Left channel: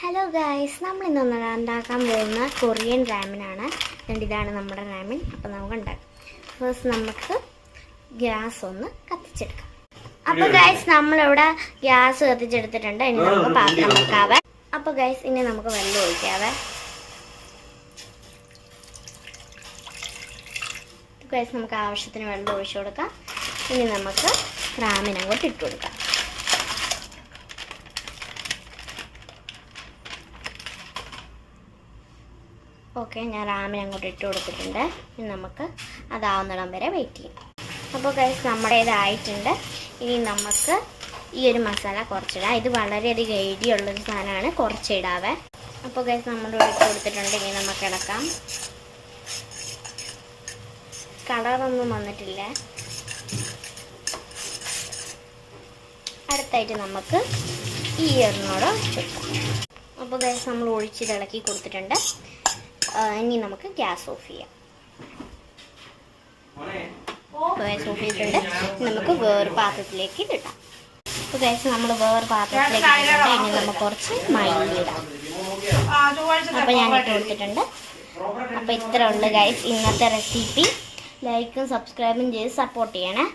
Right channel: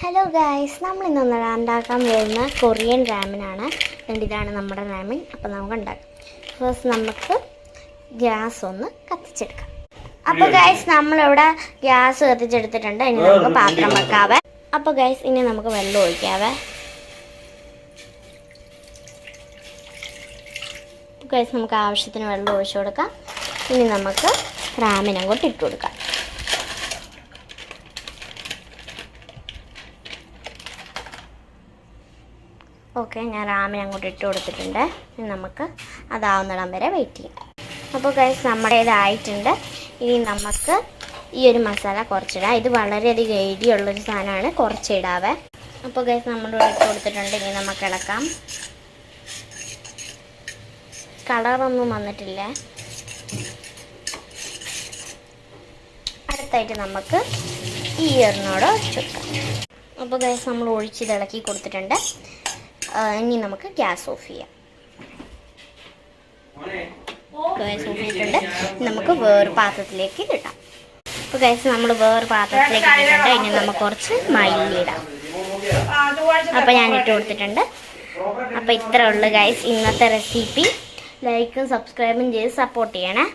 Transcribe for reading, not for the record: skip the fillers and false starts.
Hello guys, നമ്മളിന്ന് ഉണ്ടാക്കാൻ പോകുന്ന കൊറിയൻ റാമനാണ്. ഇതാണ് നമ്മുടെ റാമൻ. അപ്പോൾ നമുക്ക് ഉണ്ടാക്കാം. ഫസ്റ്റ് നമുക്ക് ഗ്യാസ് ഒന്ന് കത്തിച്ചെടുക്കാം. അപ്പോൾ ഗായ്സ്, നമ്മളിവിടെ ഗ്യാസ് കത്തിച്ചെടുത്തിട്ടുണ്ട്. ഇനി നമുക്ക് പാത്രം വെക്കാവേ. അപ്പോൾ ഗായ്സ്, ഇനി നമുക്ക് വെള്ളം ഒഴിക്കാവേ. ഗായ്സ്, നമുക്ക് ആവശ്യത്തിന് വെള്ളം ഒഴിച്ചു കൊടുക്കാം. ഇനി നമുക്ക് റാമൻ അങ്ങോട്ട് ഇട്ട് കൊടുക്കാം. ഓക്കെ, ഞാൻ റാമൻ അങ്ങോട്ട് ഇട്ട് കൊടുത്തിട്ടുണ്ട്. ഇനി നമുക്ക് അതാവുന്നിടം വരെ വെയിറ്റ് ചെയ്യാം. അപ്പോൾ ഗൈസ്, നമ്മുടെ ഇതായിട്ടുണ്ട്. ഇനി നമുക്ക് ഈ ഒരു മസാല കുറച്ചിടാം. ഇത് വളരെയധികം എരിയുള്ളൊരു സാധനമാണ്, കുറച്ചിടാവേ. അപ്പോൾ ഗൈസ്, നമ്മൾ ഇട്ട് കൊടുത്തിട്ടുണ്ട്. ഇനി നമുക്ക് ഇളക്കാം. കളറൊന്നും വന്നിട്ടില്ല. അടുത്തായിട്ട് നമുക്ക് ഈ എണ്ണോട് ഒഴിച്ചെടുക്കാം. അപ്പോൾ ഗൈസ്, നമ്മൾ ഒഴിച്ച് ഇളക്കി കൊടുത്തിട്ടുണ്ട്. ഇനി നമുക്ക് ഗ്യാസ് ഓഫ് ചെയ്യാം. ഗ്യാസ് ഓഫ് ചെയ്തിട്ടുണ്ട്. നമുക്ക് വേറെ പാത്രത്തിലേക്ക് ഇടാം. അപ്പോൾ ഗൈസ്, നമ്മൾ വേറെ പാത്രത്തിലേക്ക് ഇട്ടിട്ടുണ്ട്. ഇനി നമുക്ക് കുറച്ച് മല്ലി ഇടാം. അപ്പോൾ ഞാൻ ഇട്ട് കൊടുത്തിട്ടുണ്ട്. അപ്പോൾ ഇത്രയേ ഉള്ളൂ ഗൈസ് ഇന്നത്തെ റെസിപ്പി. ലൈക്കും സബ്സ്ക്രൈബും ചെയ്ത് സപ്പോർട്ട് ചെയ്യണേ.